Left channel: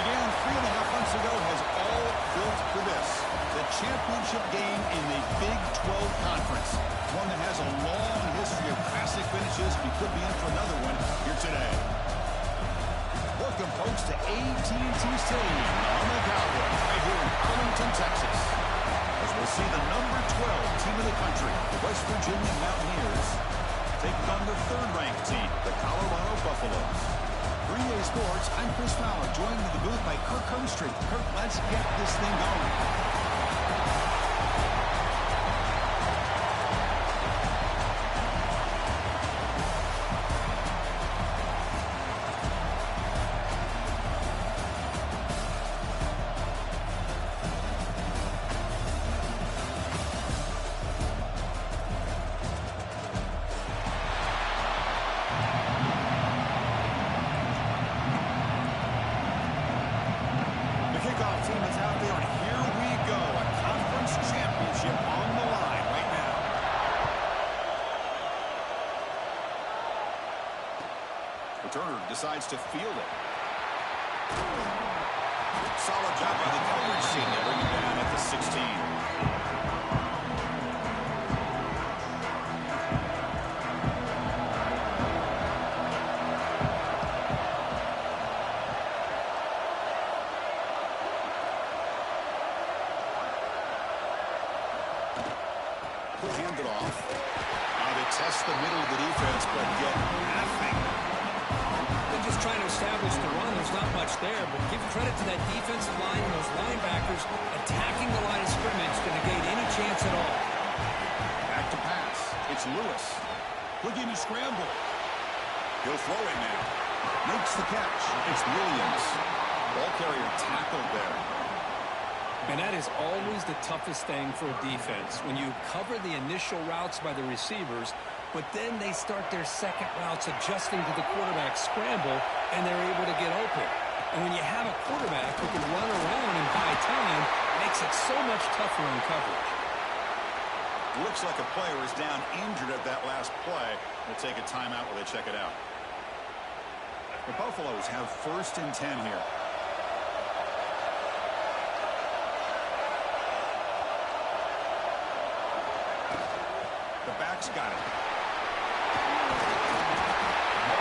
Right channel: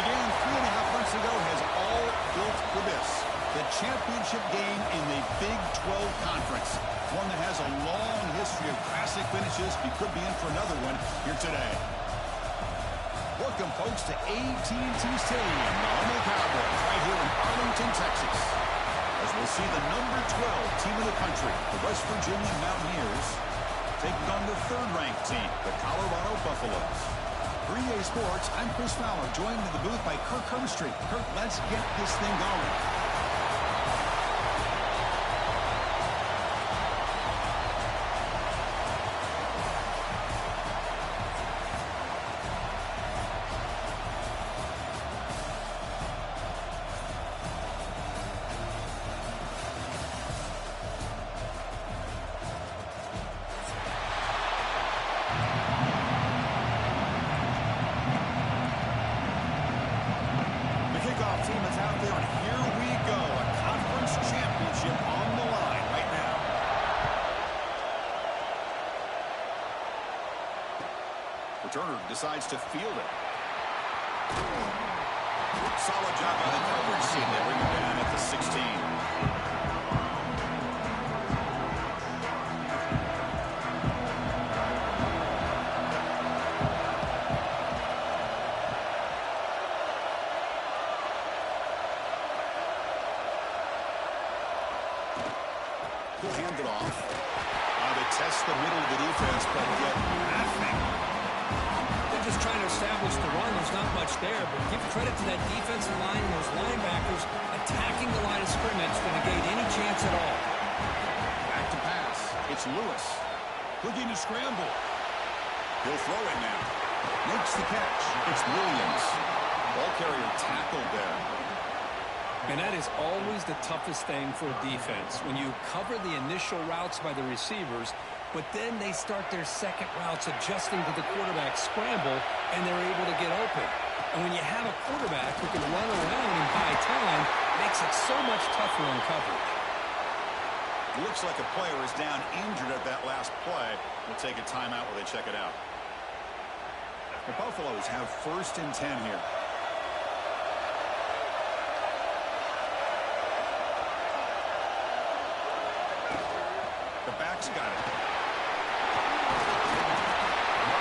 began 3.5 months ago has all built for this. The championship game in the Big 12 Conference. One that has a long history of classic finishes. We could be in for another one here today. Welcome, folks, to AT&T Stadium, the home of the Cowboys, right here in Arlington, Texas. As we'll see the number 12 team in the country, the West Virginia Mountaineers, taking on the third-ranked team, the Colorado Buffaloes. For EA Sports, I'm Chris Fowler, joined in the booth by Kirk Hermstreet. Kirk, let's get this thing going. Team is out there, and here we go. A conference championship on the line right now. Returner decides to field it. Solid job by the coverage team. They bring him down at the 16. Hand it off. They test the middle of the defense, but get nothing. They're just trying to establish the run. There's not much there, but give credit to that defensive line and those linebackers attacking the line of scrimmage to negate any chance at all. Back to pass. It's Lewis. Looking to scramble. He'll throw it now. Makes the catch. It's Williams. Ball carrier tackled there. And that is always the toughest thing for a defense, when you cover the initial routes by the receivers, but then they start their second routes adjusting to the quarterback scramble, and they're able to get open. And when you have a quarterback who can run around and buy time, it makes it so much tougher on coverage. Looks like a player is down injured at that last play. We'll take a timeout while they check it out. The Buffaloes have 1st and 10 here. The back's got it.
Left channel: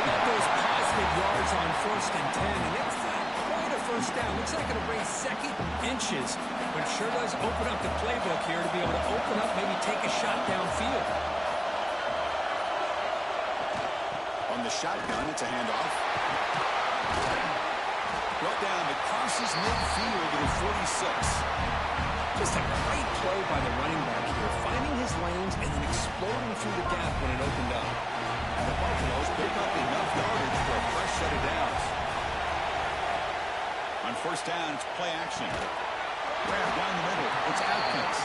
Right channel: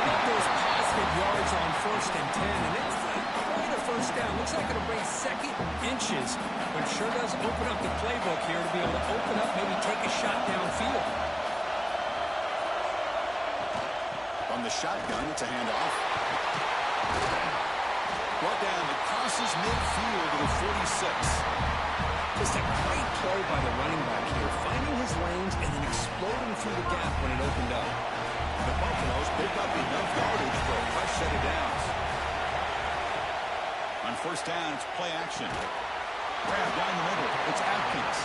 Love those positive yards on 1st and 10, and it's not quite a first down. Looks like it'll bring 2nd inches, but it sure does open up the playbook here to be able to open up, maybe take a shot downfield. On the shotgun, it's a handoff. Brought down, it crosses midfield to the 46. Just a great play by the running back here, finding his lanes and then exploding through the gap when it opened up. And the Buffaloes pick up enough yardage for a fresh set of downs. On 1st down, it's play action. Grab down the middle. It's Atkins.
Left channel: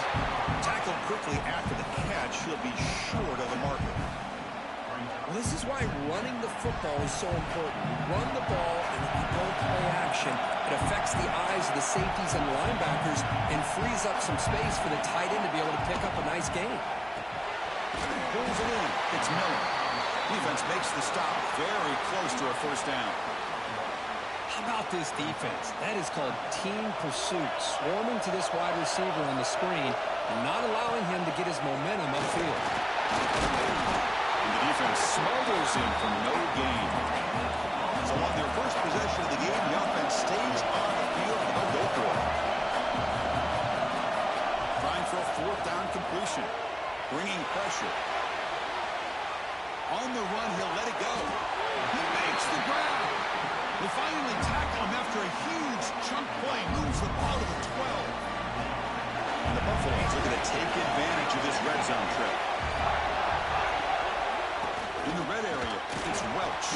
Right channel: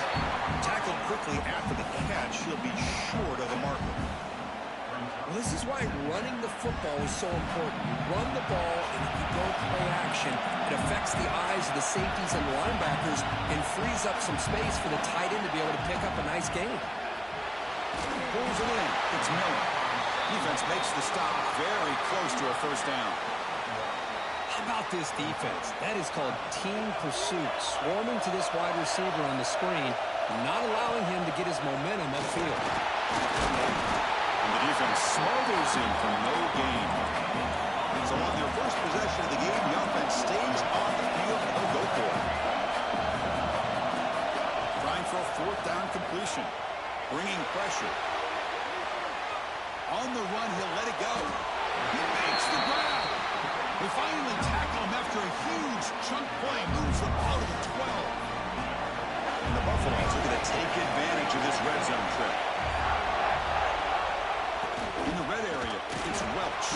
Tackled quickly after the catch. He'll be short of the marker. Well, this is why running the football is so important. You run the ball, and if you go play action, it affects the eyes of the safeties and linebackers and frees up some space for the tight end to be able to pick up a nice gain. Pulls it in. It's Miller. Defense makes the stop very close to a 1st down. How about this defense? That is called team pursuit, swarming to this wide receiver on the screen, not allowing him to get his momentum upfield. And the defense smothers him for no gain. So on their first possession of the game, the offense stays on the field, and they'll go for it. Trying for a 4th down completion. Bringing pressure. On the run, he'll let it go. He makes the grab. They finally tackle him after a huge chunk play. Moves the ball to the 12. And the Buffaloes are going to take advantage of this red zone trip. In the red area, it's Welch.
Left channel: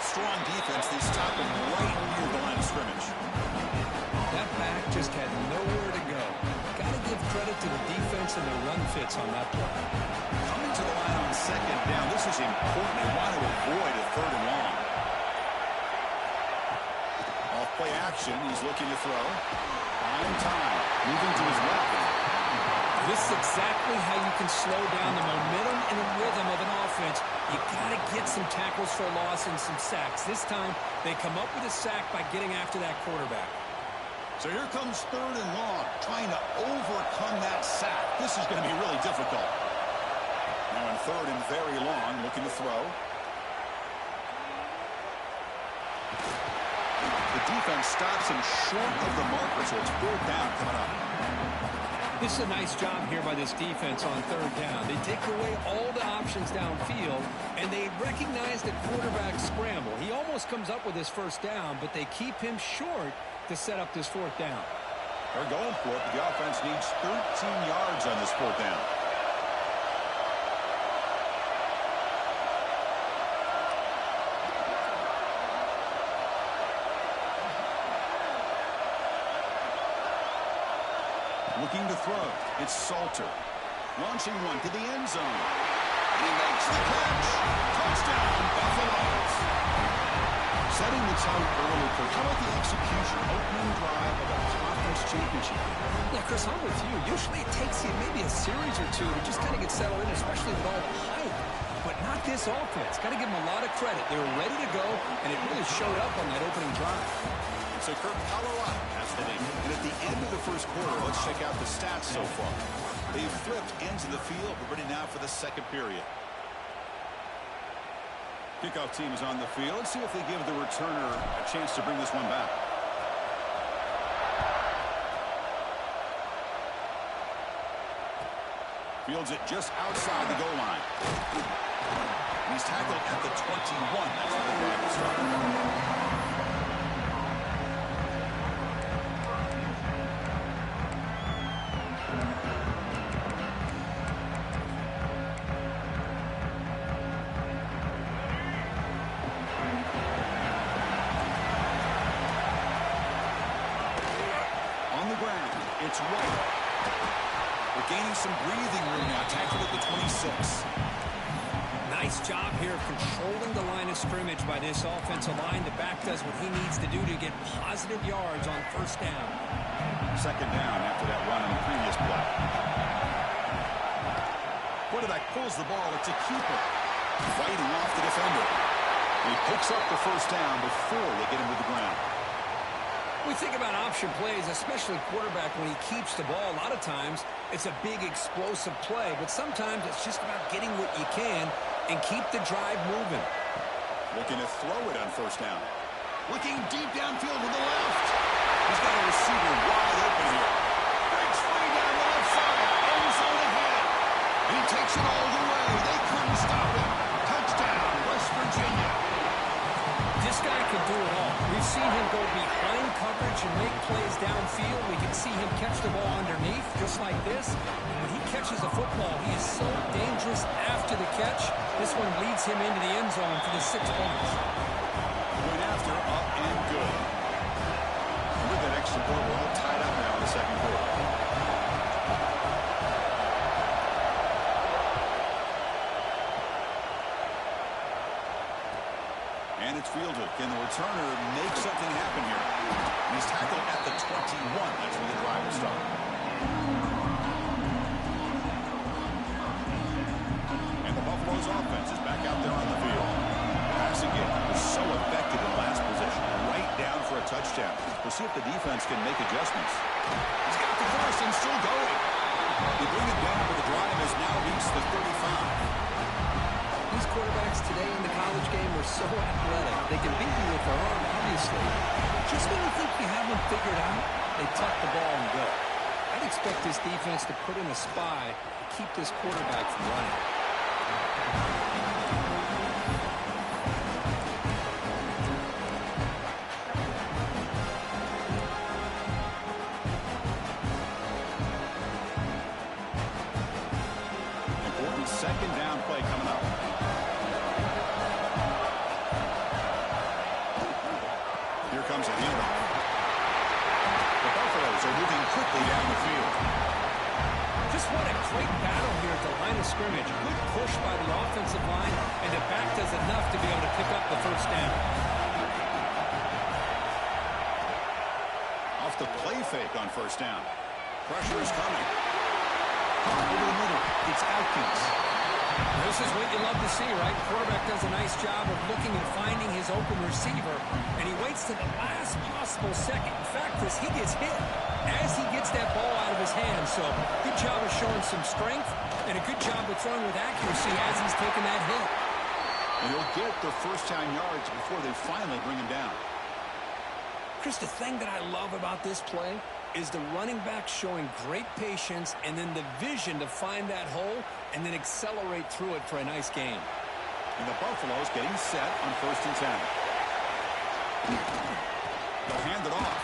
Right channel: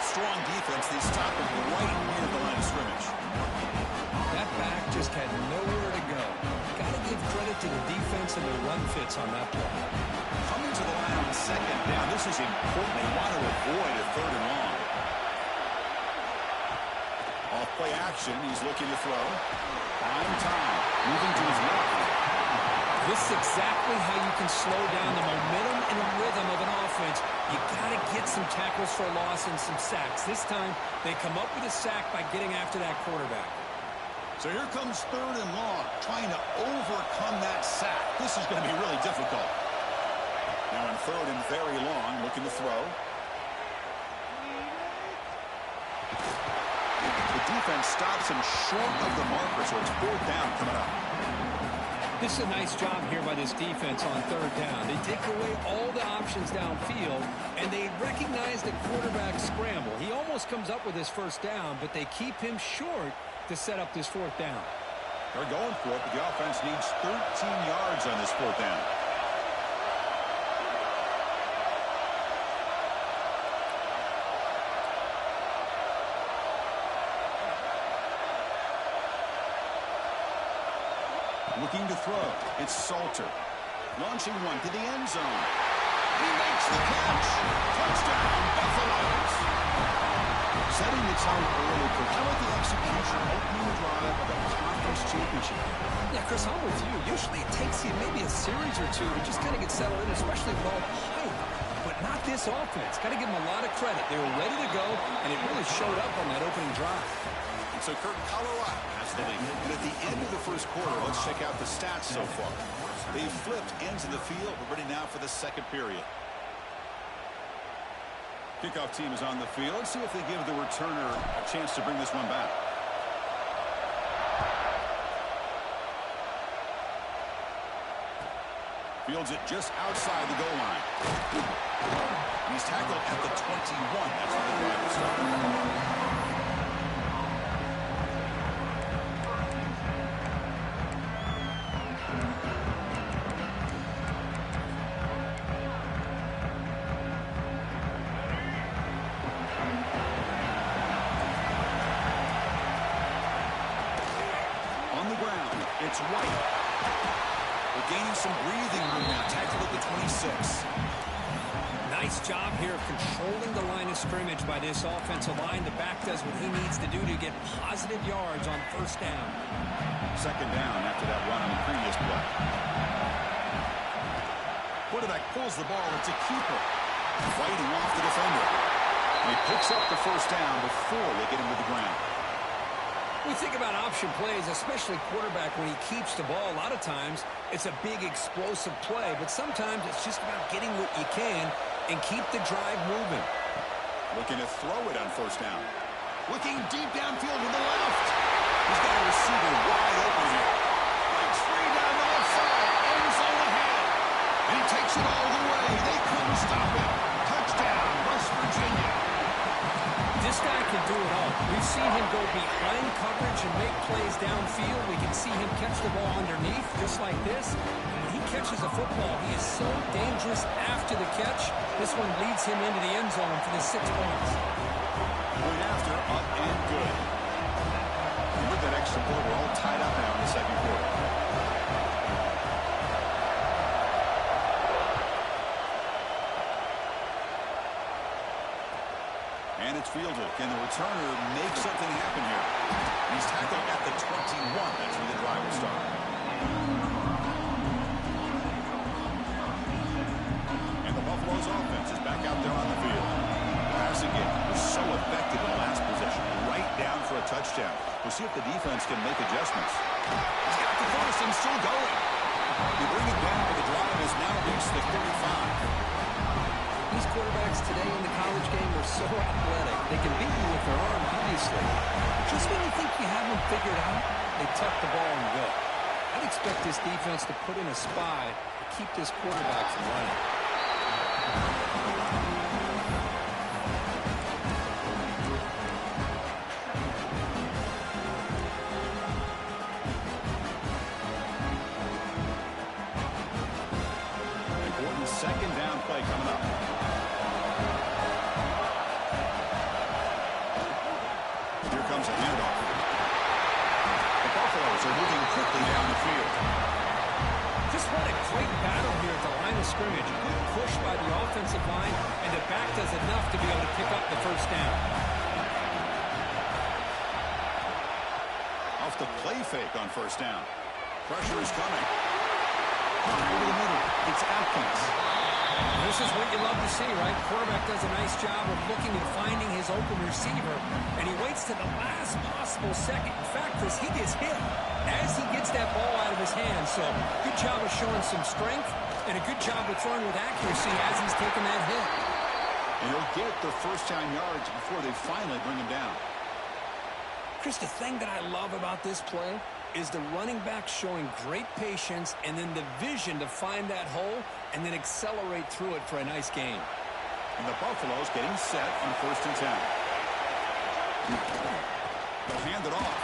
Strong defense. They stop him right near the line of scrimmage. That back just had nowhere to go. Got to give credit to the defense and the run fits on that play. Coming to the line on 2nd down. This is important. They want to avoid a 3rd and long. Off play action. He's looking to throw. Fine time. Moving to his left. This is exactly how you can slow down the momentum and the rhythm of an offense. You got to get some tackles for a loss and some sacks. This time, they come up with a sack by getting after that quarterback. So here comes 3rd and long, trying to overcome that sack. This is going to be really difficult. Now in 3rd and very long, looking to throw. The defense stops him short of the marker, so it's 4th down coming up. This is a nice job here by this defense on 3rd down. They take away all the options downfield, and they recognize the quarterback scramble. He almost comes up with his 1st down, but they keep him short to set up this 4th down. They're going for it, but the offense needs 13 yards on this 4th down. Looking to throw. It's Salter. Launching one to the end zone. And he makes the catch. Touchdown, Buffaloes. Setting the tone early, Kirk. How about the execution? Opening drive of a conference championship. Yeah, Chris, I'm with you. Usually it takes you maybe a series or two to just kind of get settled in, especially with all the hype. But not this offense. Got to give them a lot of credit. They were ready to go, and it really showed up on that opening drive. So Kirk, Colorado has the lead. And at the end of the 1st quarter, let's check out the stats so far. They've flipped ends of the field, but ready now for the 2nd period. Kickoff team is on the field. Let's see if they give the returner a chance to bring this one back. Fields it just outside the goal line. And he's tackled at the 21. That's where the drive will start. It's White. We're gaining some breathing room now. Tackled at the 26. Nice job here of controlling the line of scrimmage by this offensive line. The back does what he needs to do to get positive yards on 1st down. 2nd down after that run on the previous play. Quarterback pulls the ball. It's a keeper. Fighting off the defender. And he picks up the 1st down before they get him to the ground. We think about option plays, especially quarterback, when he keeps the ball. A lot of times, it's a big explosive play, but sometimes it's just about getting what you can and keep the drive moving. Looking to throw it on 1st down. Looking deep downfield to the left. He's got a receiver wide open here. Breaks free down the left side. End zone ahead. And he takes it all the way. They couldn't stop him. Touchdown, West Virginia. This guy can do it all. We've seen him go behind coverage and make plays downfield. We can see him catch the ball underneath, just like this. And when he catches a football, he is so dangerous after the catch. This one leads him into the end zone for the 6 points. Went after, up and good. And with that extra point, we're all tied up now in the 2nd quarter. And it's fielded. Can the returner make something happen here? He's tackled at the 21. That's where the drive will start. And the Buffaloes offense is back out there on the field. The passing game was so effective in the last possession. Right down for a touchdown. We'll see if the defense can make adjustments. He's got the 1st and still going. They bring it down, but the drive has now reached the 35. These quarterbacks today in the college game are so athletic. They can beat you with their arm, obviously. Just when you think you have them figured out, they tuck the ball and go. I'd expect this defense to put in a spy to keep this quarterback from running. Important 2nd down play coming up. Here comes a handoff. The Buffaloes are moving quickly down the field. Just what a great battle here at the line of scrimmage. Good push by the offensive line, and the back does enough to be able to pick up the 1st down. Off the play fake on 1st down. Pressure is coming. caught over the middle. It's Atkins. This is what you love to see, right? Quarterback does a nice job of looking and finding his open receiver, and he waits to the last possible second. In fact, Chris, he gets hit as he gets that ball out of his hands. So good job of showing some strength and a good job of throwing with accuracy as he's taking that hit. And he'll get the first down yards before they finally bring him down. Chris, the thing that I love about this play is the running back showing great patience and then the vision to find that hole and then accelerate through it for a nice gain. And the Buffaloes getting set on 1st and 10. They'll hand it off.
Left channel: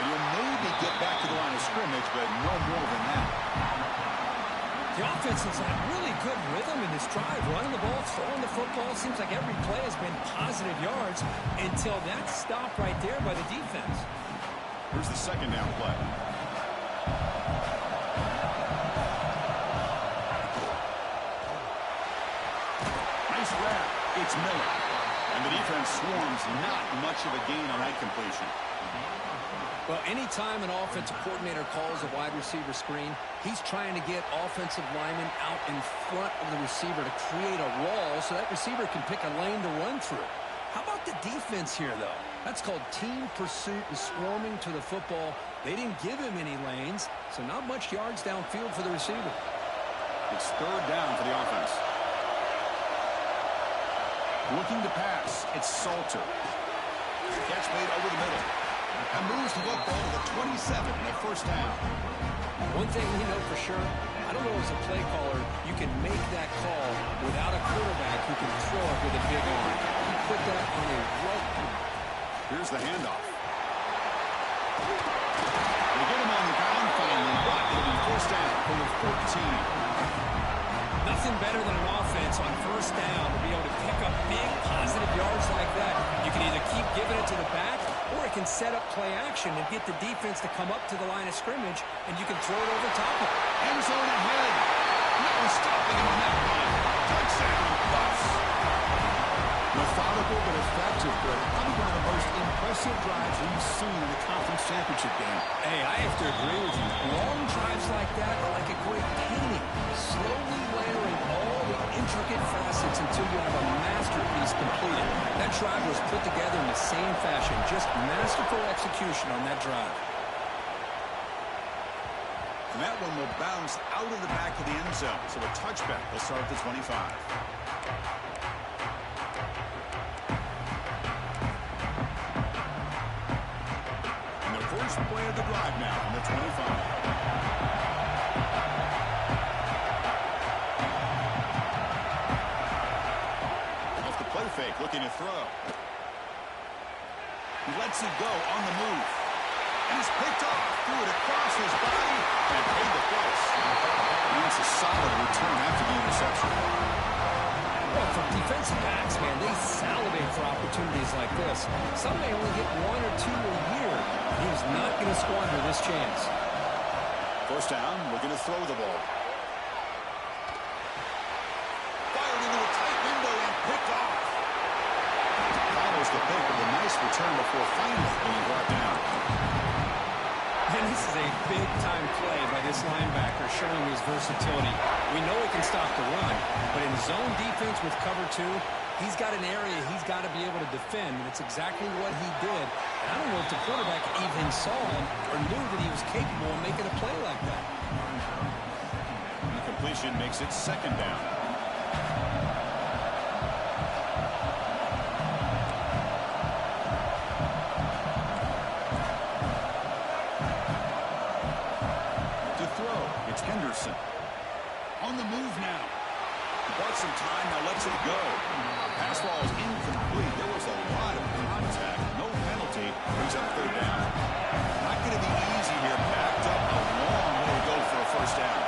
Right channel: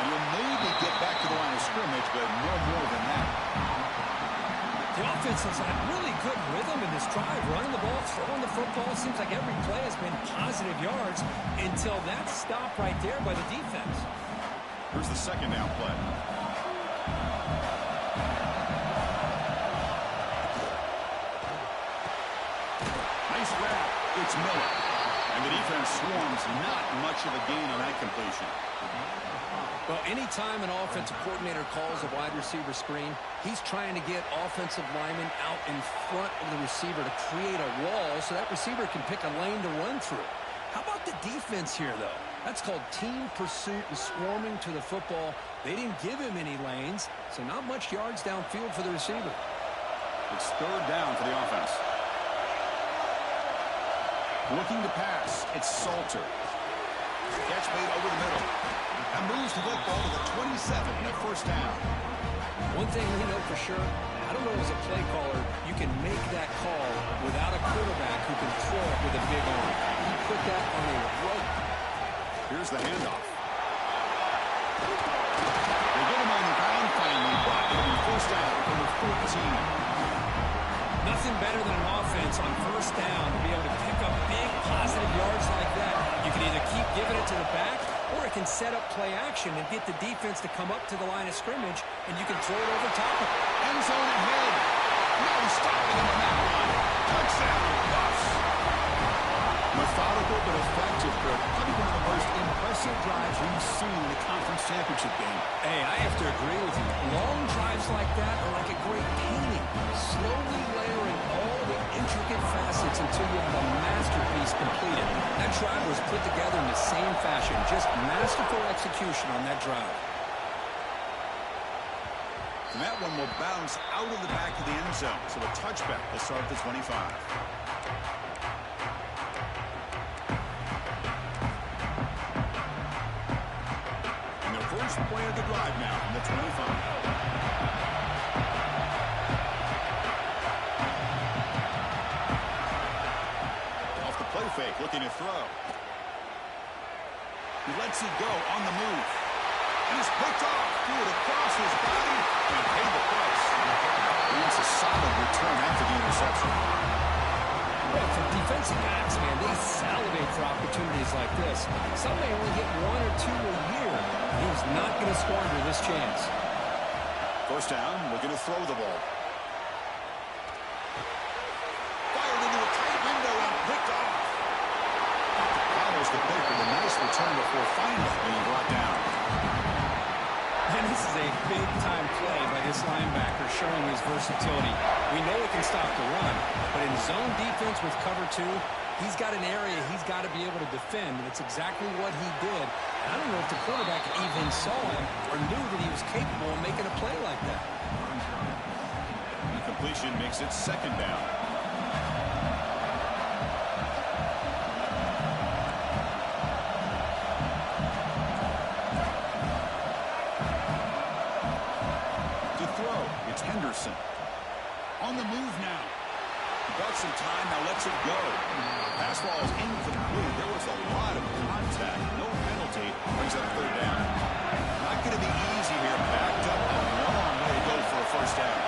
And you'll maybe get back to the line of scrimmage, but no more than that. The offense has had really good rhythm in this drive, running the ball, throwing the football. Seems like every play has been positive yards until that stop right there by the defense. Here's the 2nd down play. Nice wrap. It's Miller. And the defense swarms. Not much of a gain on that completion. Well, anytime an offensive coordinator calls a wide receiver screen, he's trying to get offensive linemen out in front of the receiver to create a wall so that receiver can pick a lane to run through. How about the defense here, though? That's called team pursuit and swarming to the football. They didn't give him any lanes, so not much yards downfield for the receiver. It's 3rd down for the offense. Looking to pass. It's Salter. Catch made over the middle. And moves the football to the 27 and a 1st down. One thing we know for sure, I don't know as a play caller, you can make that call without a quarterback who can throw it with a big arm. He put that on a rope. Here's the handoff. They get him on the ground finally, but it'll be 1st down from the 14. Nothing better than an offense on 1st down to be able to pick up big positive yards like that. You can either keep giving it to the back, or it can set up play action and get the defense to come up to the line of scrimmage, and you can throw it over top of it. End zone ahead. No stopping him on that run. Touchdown, Buffs. Methodical but effective, but probably one of the most impressive drives we've seen in a conference championship game. Hey, I have to agree with you. Long drives like that are like a great painting, slowly layering all the intricate facets until you have a masterpiece completed. That drive was put together in the same fashion, just masterful execution on that drive. And that one will bounce out of the back of the end zone, so a touchback will start at the 25. First play of the drive now on the 25. Off the play fake, looking to throw. He lets it go on the move. And it's picked off. Threw it across his body and paid the price. And it's a solid return after the interception. Well, for defensive backs, man, they salivate for opportunities like this. Some may only get 1 or 2 a year. He was not going to squander this chance. 1st down, looking to throw the ball. Fired into a tight window and picked off. Follows the pick with a nice return before finally being brought down. And this is a big-time play by this linebacker showing his versatility. We know he can stop the run, but in zone defense with cover 2, he's got an area he's got to be able to defend, and it's exactly what he did. And I don't know if the quarterback even saw him or knew that he was capable of making a play like that. And completion makes it 2nd down. It's Henderson. On the move now. Bought some time, now lets it go. Pass ball is incomplete. There was a lot of contact. No penalty. Brings up 3rd down. Not going to be easy here. Backed up a long way to go for a 1st down.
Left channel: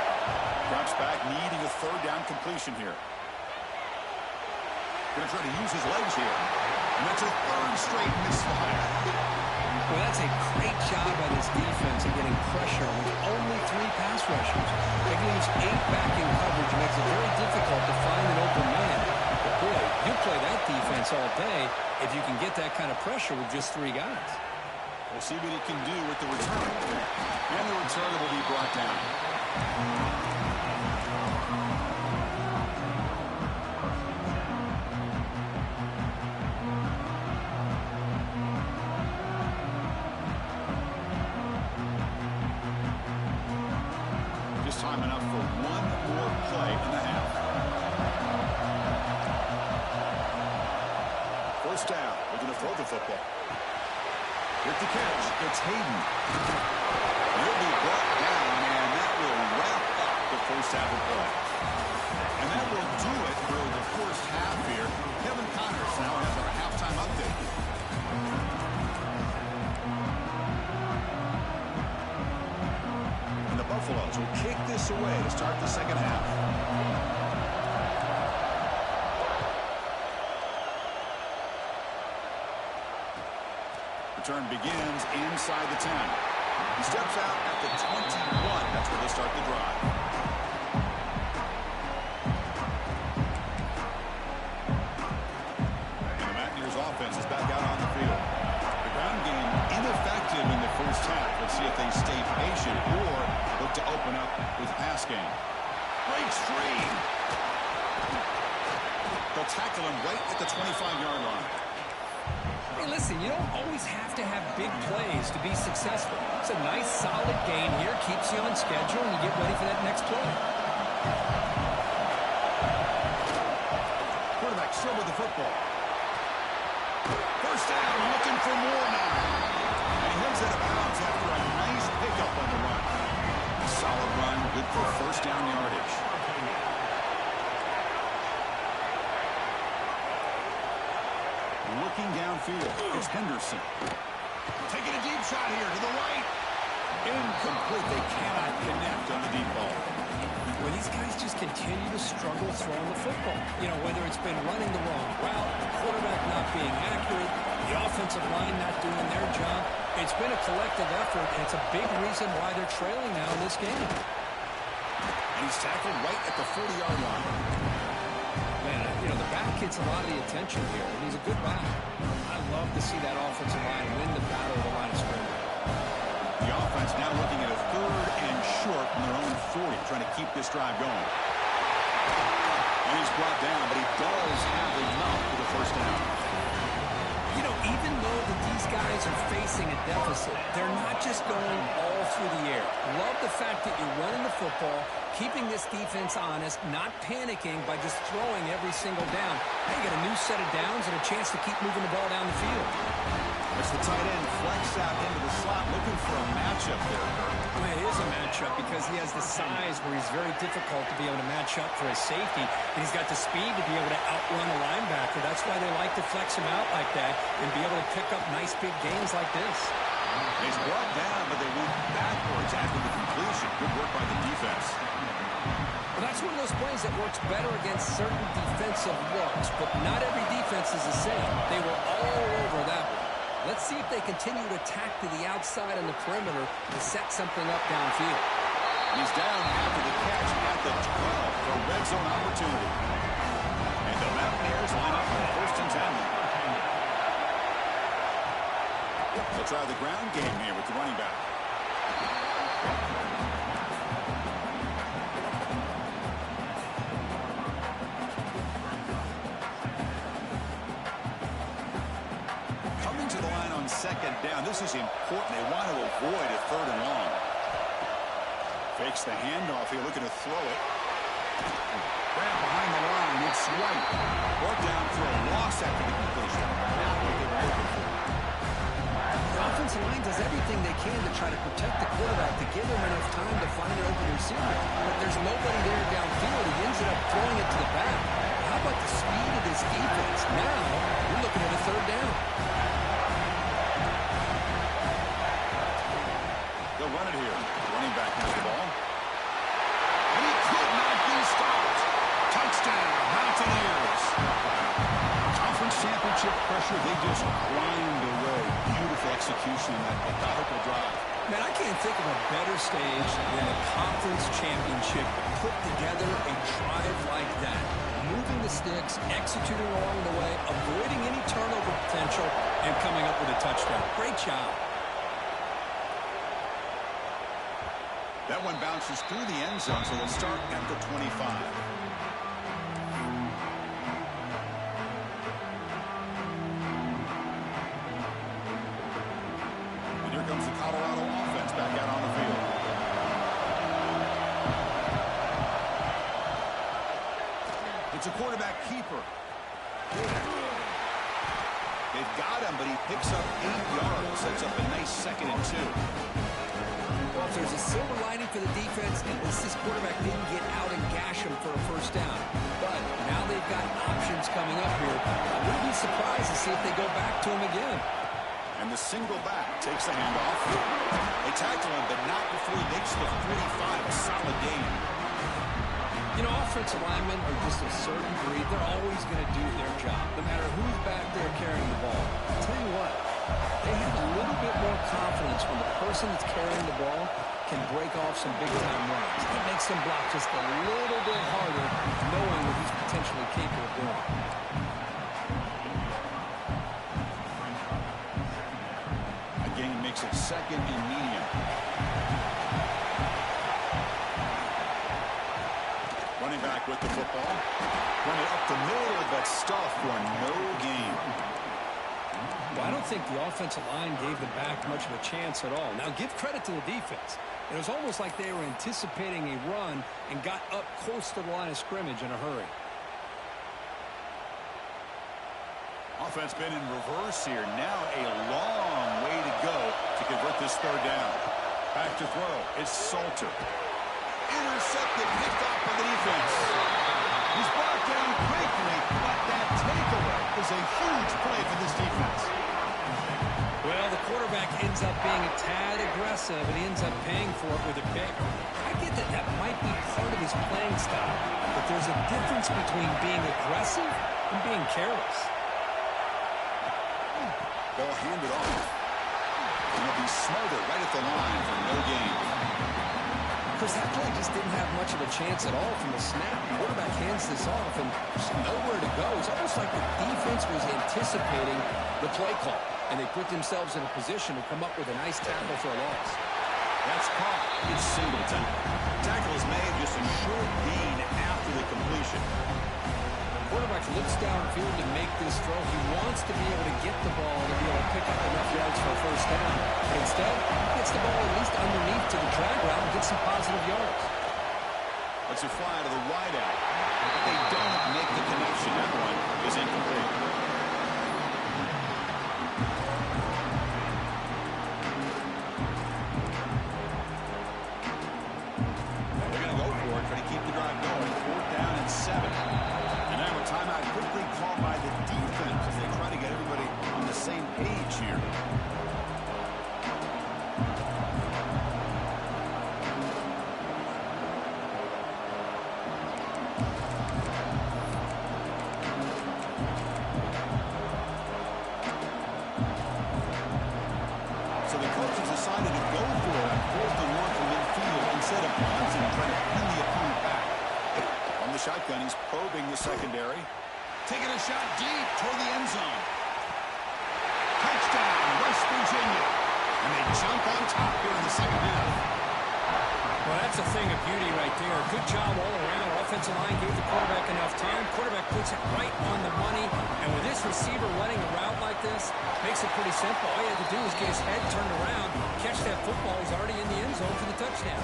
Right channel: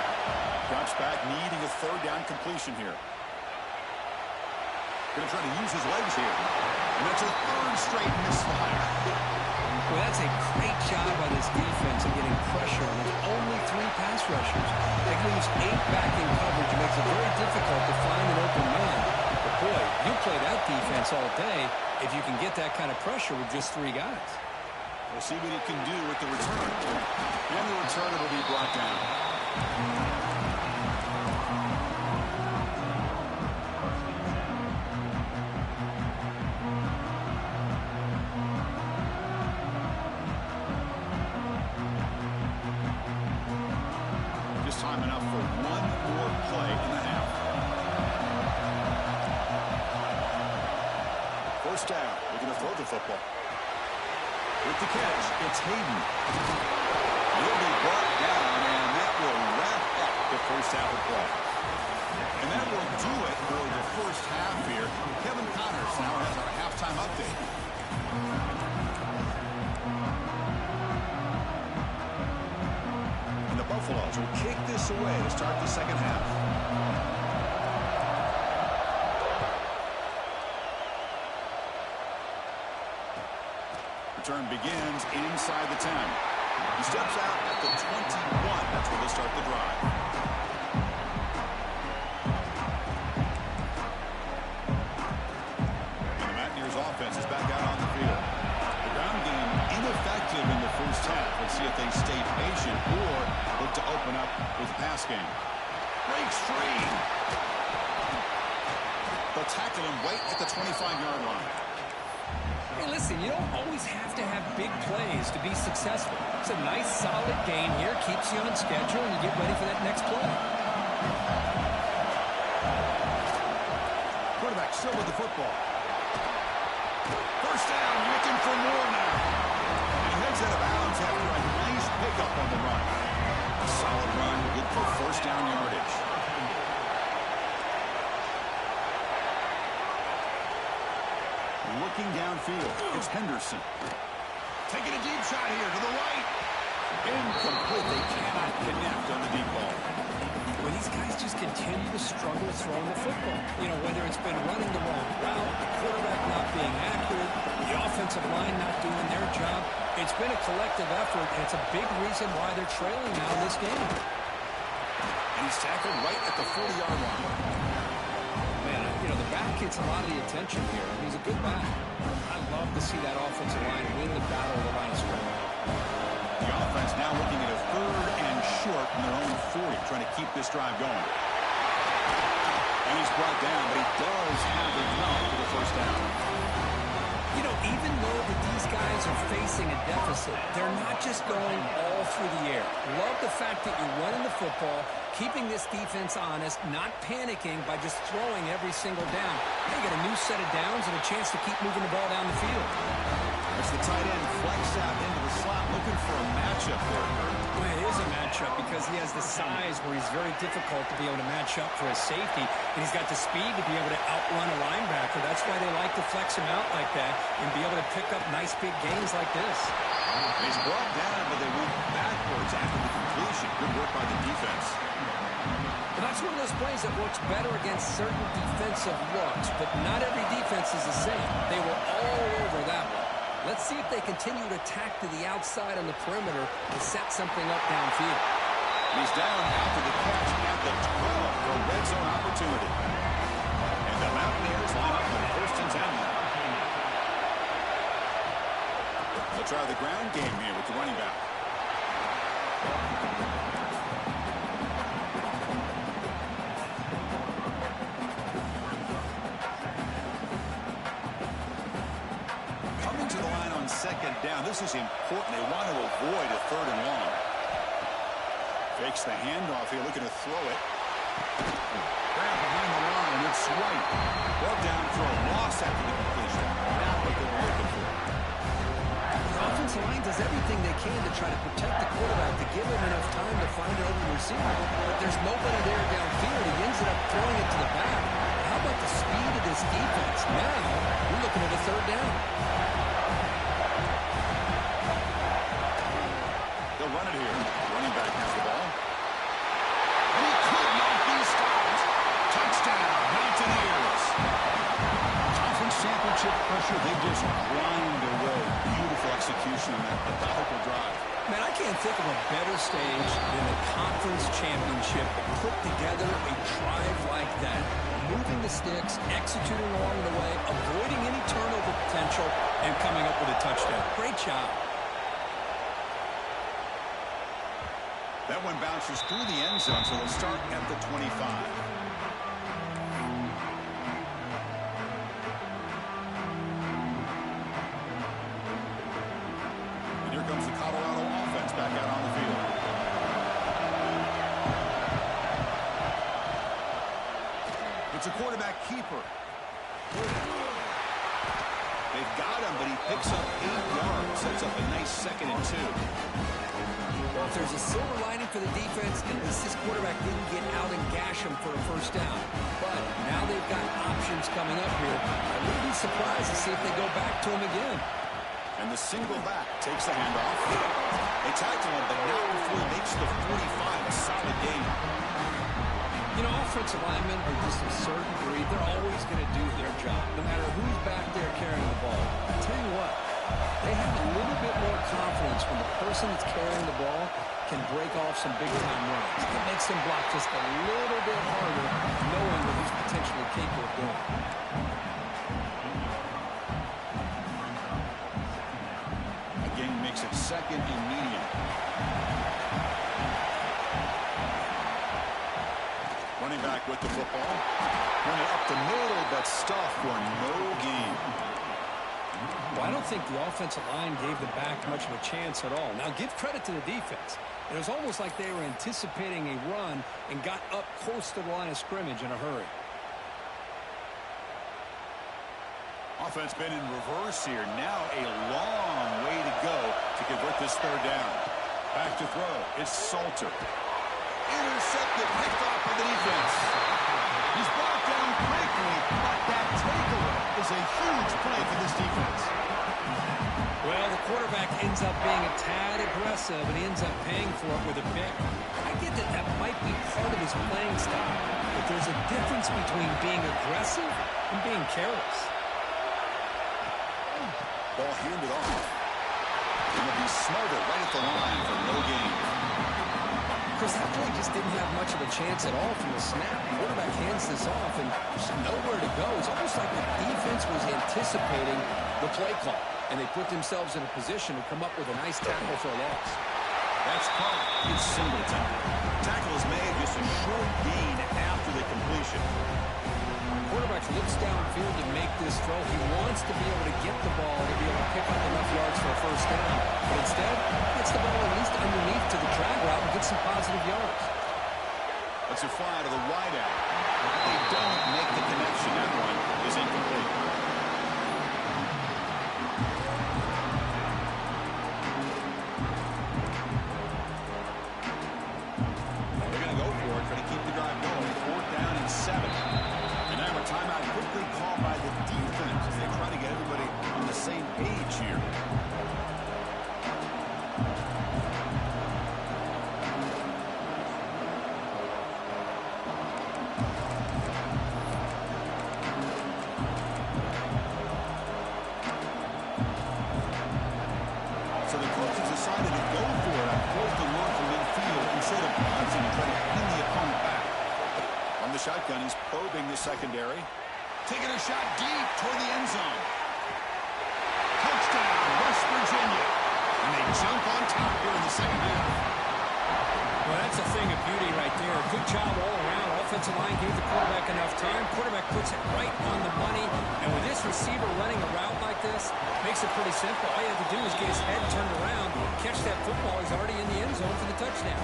Drops back, needing a 3rd down completion here. Going to try to use his legs here. And that's a 3rd straight misfire. Well, that's a great job by this defense in getting pressure with only 3 pass rushers. That leaves 8 back in coverage and makes it very difficult to find an open man. But boy, you'll play that defense all day if you can get that kind of pressure with just 3 guys. We'll see what he can do with the return. And the returner will be brought down. just time enough for one more play in the half. First down, looking to throw the football. With the catch, it's Hayden. He'll be brought down, and that will wrap up the first half of play. And that will do it for the first half here. Kevin Connors now has our halftime update. And the Buffaloes will kick this away to start the second half. Return begins inside the 10. He steps out at the 21. That's where they start the drive. And the Mountaineers offense is back out on the field. The ground game ineffective in the first half. Let's see if they stay patient or look to open up with the pass game. Breaks free. They'll tackle him right at the 25-yard line. Hey, listen, you don't always have to have big plays to be successful. It's a nice, solid gain here. Keeps you on schedule, and you get ready for that next play. Quarterback still with the football. First down, looking for more now. And he heads out of bounds after a nice pickup on the run. A solid run, good for first down yardage. Looking downfield, it's Henderson. Taking a deep shot here to the right. Incomplete. They cannot connect on the deep ball. Well, these guys just continue to struggle throwing the football. You know, whether it's been running the wrong route, the quarterback not being accurate, the offensive line not doing their job. It's been a collective effort, and it's a big reason why they're trailing now in this game. And he's tackled right at the 40-yard line. Man, you know, the back gets a lot of the attention here, and he's a good back. I love to see that offensive line win the battle of the line of scrimmage. The offense now looking at a 3rd and short from their own 40, trying to keep this drive going. And he's brought down, but he does have enough for the first down. You know, even though that these guys are facing a deficit, they're not just going all through the air. Love the fact that you're running the football, keeping this defense honest, not panicking by just throwing every single down. Hey, you got a new set of downs and a chance to keep moving the ball down the field. As the tight end flex out into the slot, looking for a matchup there, Kurt. Well, it is a matchup because he has the size where he's very difficult to be able to match up for his safety, and he's got the speed to be able to outrun a linebacker. That's why they like to flex him out like that and be able to pick up nice big gains like this. He's brought down, but they went backwards after the completion. Good work by the defense. Well, that's one of those plays that works better against certain defensive looks, but not every defense is the same. They were all over that one. Let's see if they continue to attack to the outside on the perimeter to set something up downfield. And he's down after the catch at the 12 for a red zone opportunity. And the Mountaineers line up on 1st and 10. They'll try the ground game here with the running back. Coming to the line on 2nd down. This is important. They want to avoid a 3rd and long. Fakes the handoff here, looking to throw it. Grab behind the line. It's White. Brought down for a loss after the completion. Not what they were looking for. The offensive line does everything they can to try to protect the quarterback to give him enough time to find an open receiver. But there's nobody there downfield. He ends up throwing it to the back. How about the speed of this defense? Now, you're looking at a 3rd down. They'll run it here. Running back has the ball. And he could not be stopped. Touchdown, Mountaineers. Conference championship pressure, they just grind away. Beautiful execution in that methodical drive. Man, I can't think of a better stage than a conference championship to put together a drive like that. Moving the sticks, executing along the way, avoiding any turnover potential, and coming up with a touchdown. Great job. That one bounces through the end zone, so they'll start at the 25. And here comes the Colorado offense back out on the field. It's a quarterback keeper. They've got him, but he picks up 8 yards. Sets up a nice 2nd and 2. Well, if there's a silver lining for the defense, at least this quarterback didn't get out and gash him for a first down. But now they've got options coming up here. I wouldn't be surprised to see if they go back to him again. And the single back takes the handoff. They tackle him, but not before he makes the 45. A solid gain. You know, offensive linemen are just a certain breed. They're always going to do their job, no matter who's back there carrying the ball. I tell you what, they have a little bit more confidence when the person that's carrying the ball can break off some big-time runs. It makes them block just a little bit harder, knowing what he's potentially capable of doing. A gain makes it 2nd and medium. Running back with the football. Run it up the middle, but stuffed for no gain. Well, I don't think the offensive line gave the back much of a chance at all. Now, give credit to the defense. It was almost like they were anticipating a run and got up close to the line of scrimmage in a hurry. Offense been in reverse here. Now a long way to go to convert this 3rd down. Back to throw. It's Salter. Intercepted, picked off by the defense. He's brought down quickly, but that takeaway is a huge play for this defense. Well, the quarterback ends up being a tad aggressive, and he ends up paying for it with a pick. I get that that might be part of his playing style, but there's a difference between being aggressive and being careless. Ball handed off. And he'll be smothered right at the line for no gain. Chris, that play just didn't have much of a chance at all from the snap. The quarterback hands this off, and there's nowhere to go. It's almost like the defense was anticipating the play call, and they put themselves in a position to come up with a nice tackle for a loss. That's caught. It's Singleton. Tackle is made, just a short gain after the completion. Quarterback looks downfield to make this throw. He wants to be able to get the ball to be able to pick up enough yards for a first down. But instead, he gets the ball at least underneath to the drag route and gets some positive yards. Let's fly to the wideout. But they don't make the connection. That one is incomplete. They're going to go for it, try to keep the drive going. 4th down and 7. And now a timeout quickly called by the defense as they try to get everybody on the same page here. So the coaches decided to go for it on 4th and 1 from midfield instead of punting and trying to pin the opponent back. From the shotgun, he's probing the secondary. Taking a shot deep toward the end zone. Touchdown, West Virginia. And they jump on top here in the 2nd half. Well, that's a thing of beauty right there. Good job all around. Offensive line gave the quarterback enough time. Quarterback puts it right on the money. And with this receiver running a route like this, makes it pretty simple. All you have to do is get his head turned around, catch that football. He's already in the end zone for the touchdown.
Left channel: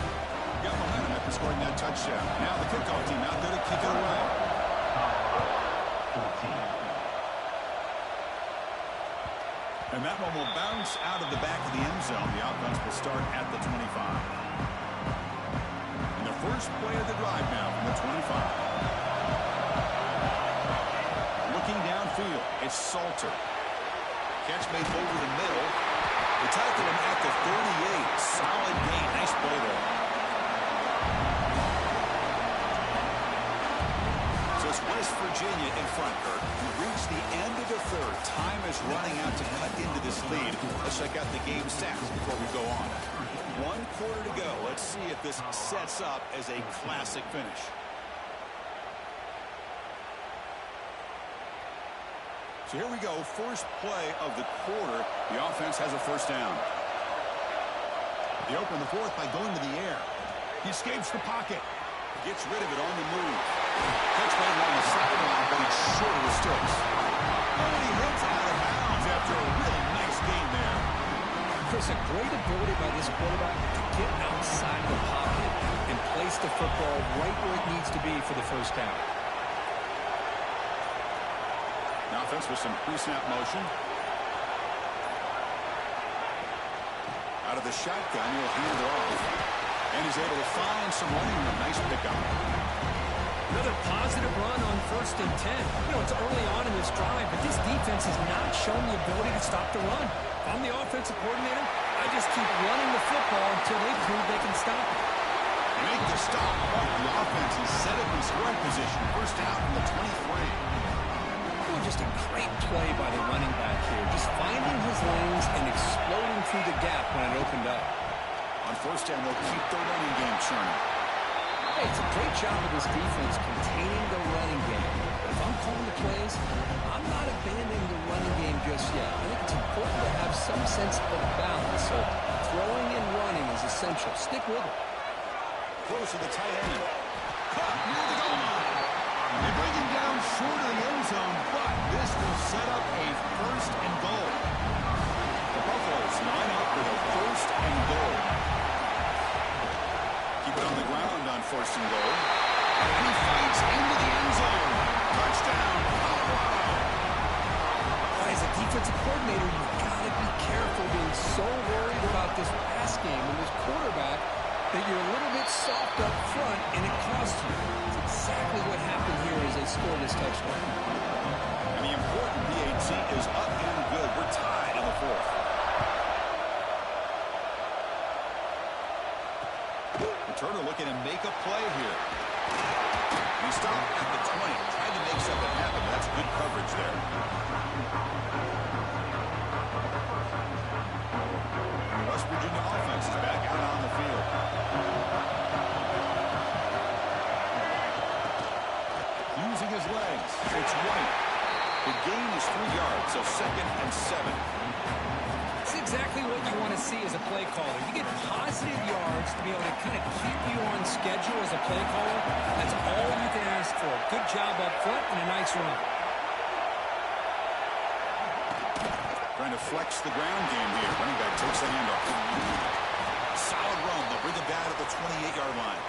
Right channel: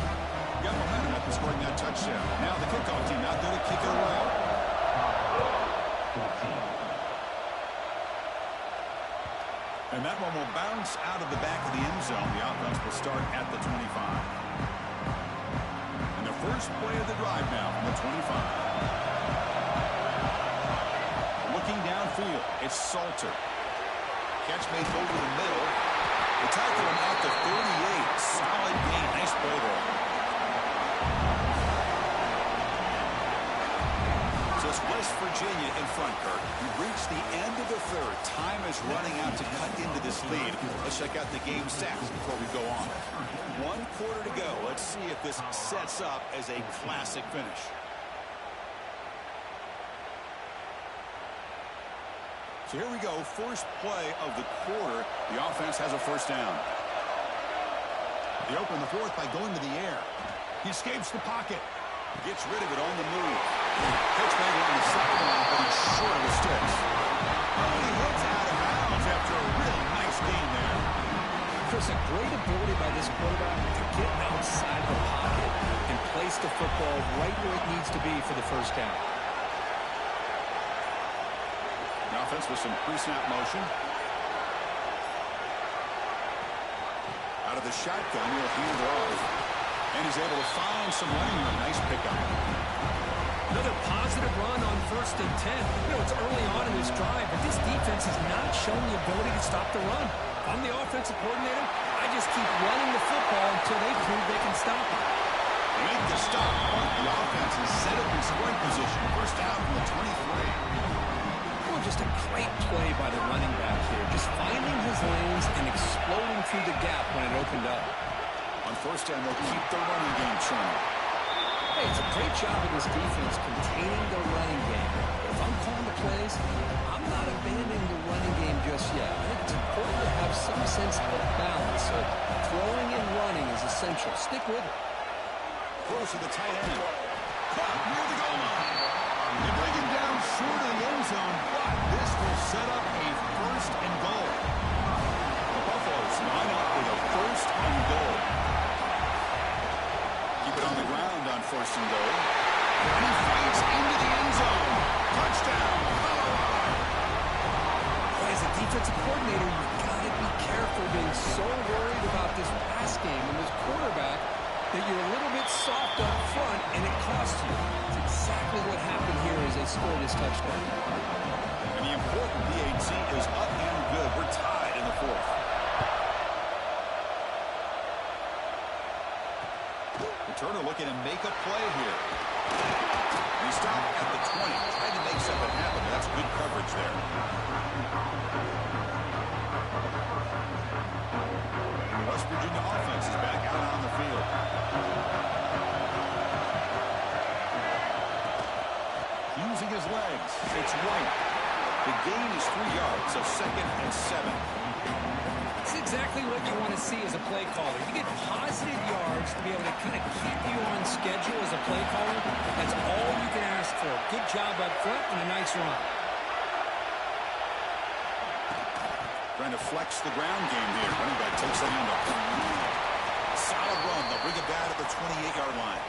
Got momentum after scoring that touchdown. Now the kickoff team out there to kick it away. And that one will bounce out of the back of the end zone. The offense will start at the 25. And the first play of the drive now from the 25. Looking downfield, it's Salter. Catch made over the middle. They tackle him at the 38. Solid gain. Nice play there. So it's West Virginia in front, Kurt. We've reached the end of the 3rd. Time is running out to cut into this lead. Let's check out the game stats before we go on. 1 quarter to go. Let's see if this sets up as a classic finish. So here we go. First play of the quarter. The offense has a first down. They open the 4th by going to the air. He escapes the pocket. Gets rid of it on the move. Catch made along the sideline, but he's short of the sticks. And he hits out of bounds after a really nice gain there. Chris, a great ability by this quarterback to get outside of the pocket and place the football right where it needs to be for the first down. The offense with some pre-snap motion. Out of the shotgun, he'll hand it off. And he's able to find some running room. Nice pickup. Another positive run on 1st and 10. You know, it's early on in this drive, but this defense has not shown the ability to stop the run. If I'm the offensive coordinator, I just keep running the football until they prove they can stop it. They make the stop, but the offense is set up in scoring position. First down from the 23. Well, just a great play by the running back here. Just finding his lanes and exploding through the gap when it opened up. On first down, they'll keep their running game churning. Hey, it's a great job of this defense containing the running game. But if I'm calling the plays, I'm not abandoning the running game just yet. I think it's important to have some sense of balance. So throwing and running is essential. Stick with it. Close to the tight end. Caught near the goal line. They bring him down short of the end zone, but this will set up a first and goal. The Buffaloes line up with a first and goal. Keep it on the ground on first and goal. And he fights into the end zone. Touchdown, Colorado. As a defensive coordinator, you've got to be careful being so worried about this pass game and this quarterback that you're a little bit soft up front and it costs you. It's exactly what happened here as they scored this touchdown. And the important PAT is up and good. We're tied in the fourth. Returner looking to make a play here. And he stopped at the 20. Tried to make something happen, but that's good coverage there. The West Virginia offense is back out on the field. Using his legs. It's White. The gain is 3 yards, so 2nd and 7. It's exactly what you want to see as a play caller. You get positive yards to be able to kind of keep you on schedule as a play caller. That's all you can ask for. Good job up front and a nice run. Trying to flex the ground game here. Running back takes the handoff. Solid run. They'll bring it down at the 28-yard line.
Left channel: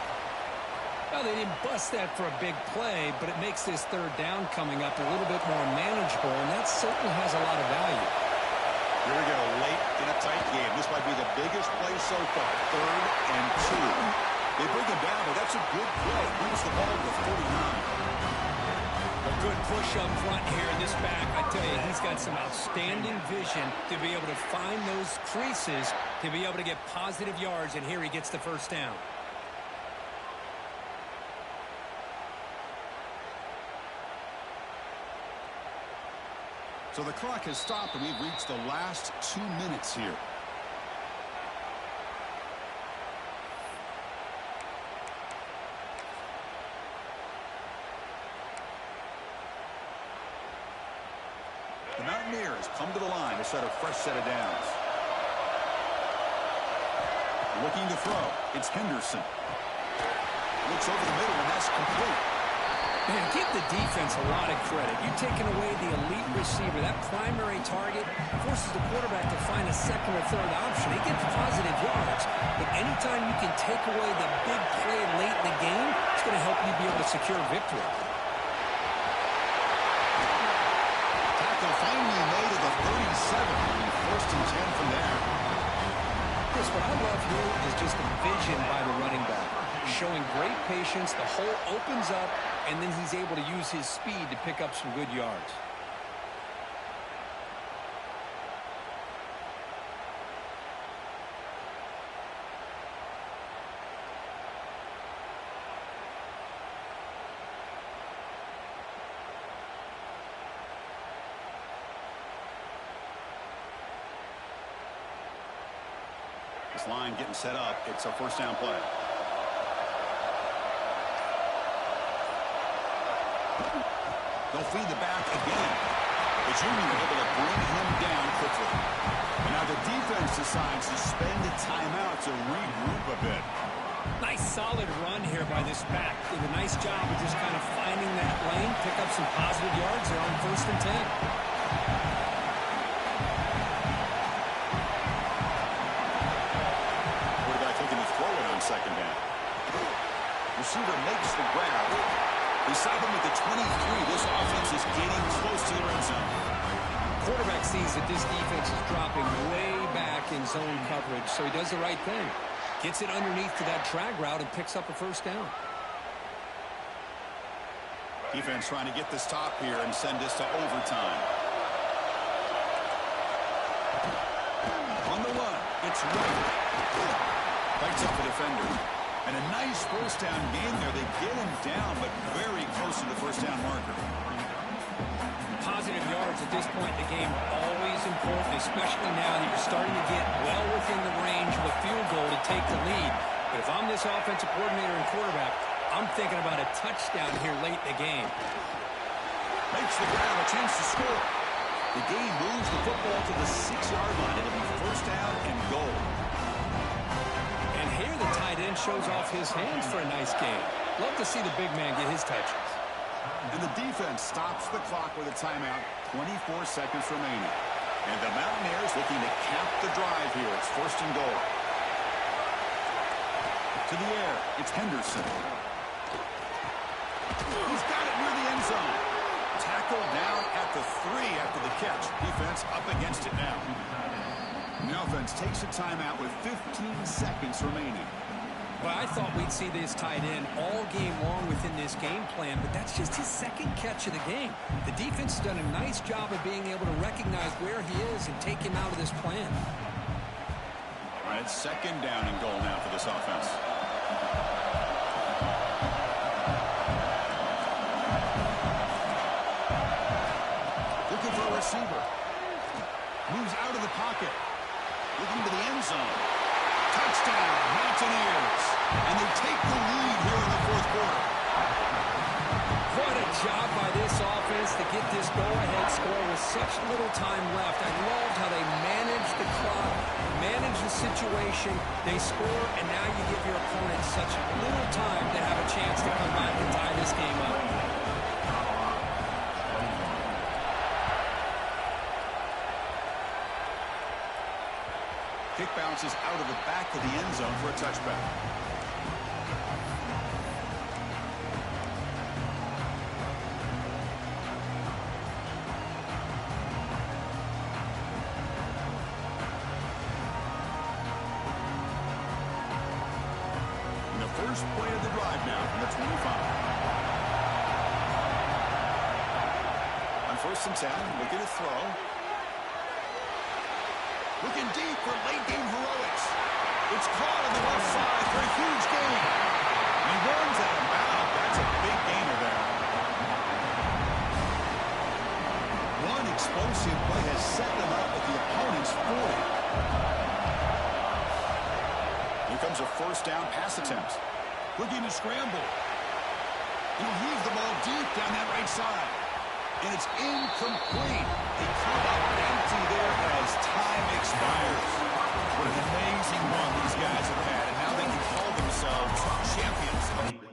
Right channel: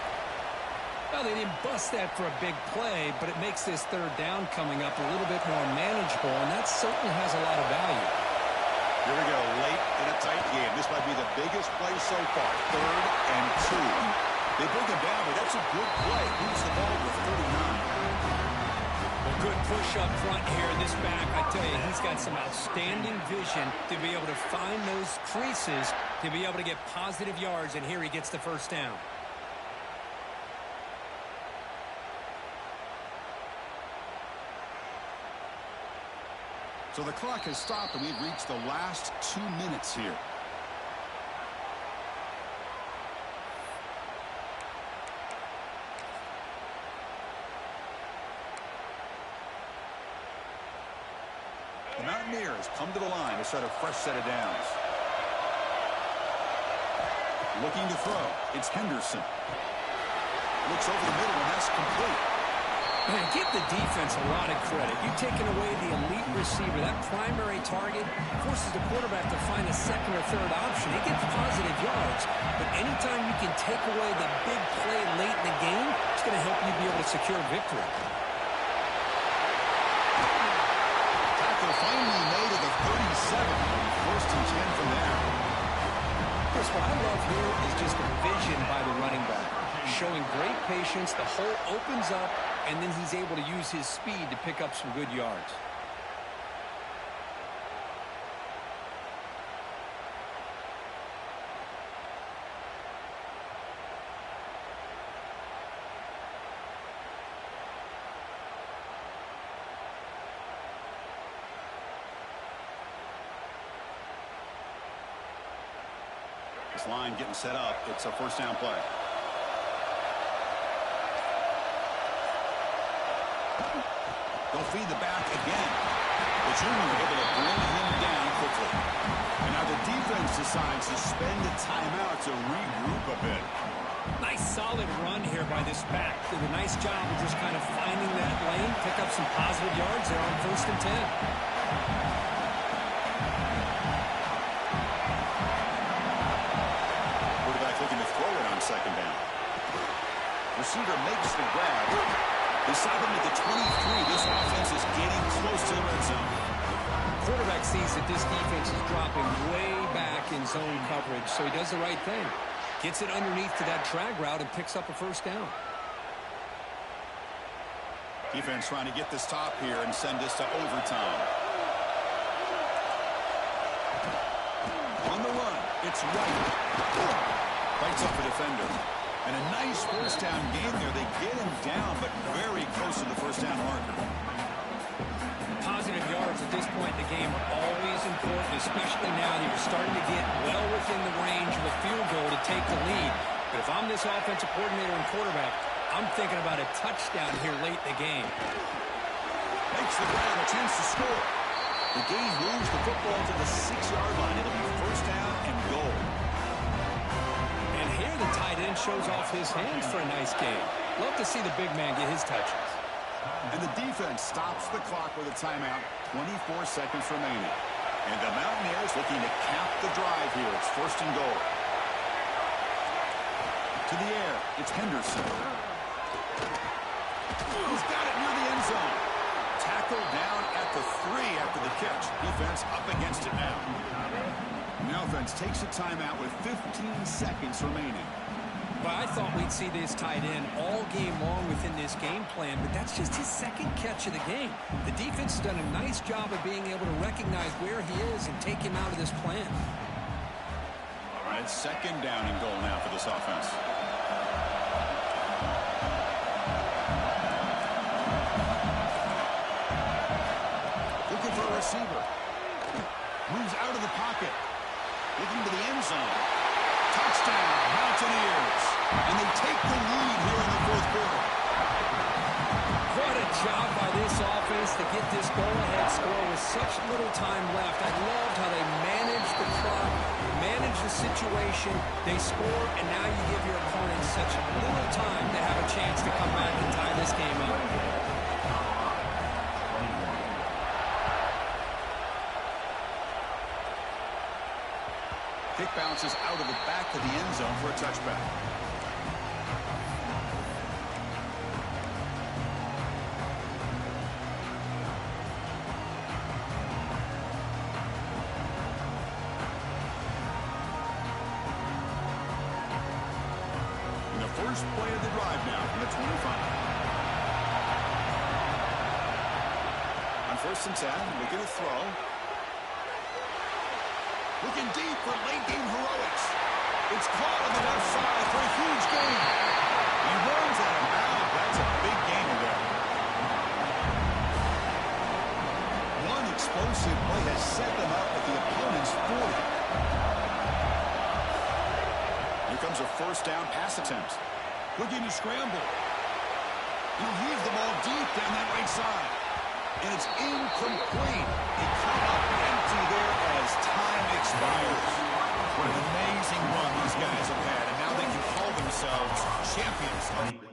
Well, they didn't bust that for a big play, but it makes this third down coming up a little bit more manageable, and that certainly has a lot of value. Here we go, late in a tight game. This might be the biggest play so far. 3rd and 2. They bring him down, but that's a good play. Moves the ball with 39. Well, good push up front here in this back. I tell you, he's got some outstanding vision to be able to find those creases, to be able to get positive yards, and here he gets the first down. So the clock has stopped, and we've reached the last 2 minutes here. The Mountaineers come to the line to start a fresh set of downs. Looking to throw. It's Henderson. Looks over the middle, and that's complete. Man, give the defense a lot of credit. You've taken away the elite receiver. That primary target forces the quarterback to find a second or third option. He gets positive yards, but anytime you can take away the big play late in the game, it's going to help you be able to secure victory. Tackle finally made at the 37. 1st and 10 from there. Chris, what I love here is just the vision by the running back. Showing great patience, the hole opens up, and then he's able to use his speed to pick up some good yards. This line getting set up. It's a first down play. They'll feed the back again. The junior able to bring him down quickly. And now the defense decides to spend a timeout to regroup a bit. Nice solid run here by this back. Did a nice job of just kind of finding that lane, pick up some positive yards. They're on 1st and 10. Quarterback looking to throw it on 2nd down. Receiver makes the grab. They stop him at the 23. This offense is getting close to the red zone. Quarterback sees that this defense is dropping way back in zone coverage, so he does the right thing. Gets it underneath to that drag route and picks up a first down. Defense trying to get the stop here and send this to overtime. On the run, it's White. Bites off a defender. And a nice first down game there. They get him down, but very close to the first down marker. Positive yards at this point in the game are always important, especially now that you're starting to get well within the range of a field goal to take the lead. But if I'm this offensive coordinator and quarterback, I'm thinking about a touchdown here late in the game. Makes the grab, a chance to score. The game moves the football to the 6-yard line. It'll be first down and goal. And here the tight end shows off his hands for a nice game. Love to see the big man get his touches. And the defense stops the clock with a timeout. 24 seconds remaining. And the Mountaineers looking to cap the drive here. It's first and goal. To the air, it's Henderson. He's got it near the end zone. Tackled down at the 3 after the catch. Defense up against it now. And the offense takes a timeout with 15 seconds remaining. Well, I thought we'd see this tight end all game long within this game plan, but that's just his second catch of the game. The defense has done a nice job of being able to recognize where he is and take him out of this plan. All right, second down and goal now for this offense. Looking for a receiver. Moves out of the pocket. Looking to the end zone. Touchdown, Mountaineers. And they take the lead here in the fourth quarter. What a job by this offense to get this go-ahead score with such little time left. I loved how they managed the clock, managed the situation. They score, and now you give your opponent such little time to have a chance to come back and tie this game up. Kick bounces out of the back of the end zone for a touchback. And the first play of the drive now from the 25. On first and 10, looking to throw. Looking deep for late-game heroics. It's caught on the left side for a huge gain. He runs out of bounds. That's a big gainer there. One explosive play has set them up at the opponent's 40. Here comes a first down pass attempt. Looking to scramble. He'll heave the ball deep down that right side. And it's incomplete. They come up empty there as time expires. What an amazing run these guys have had, and now they can call themselves champions.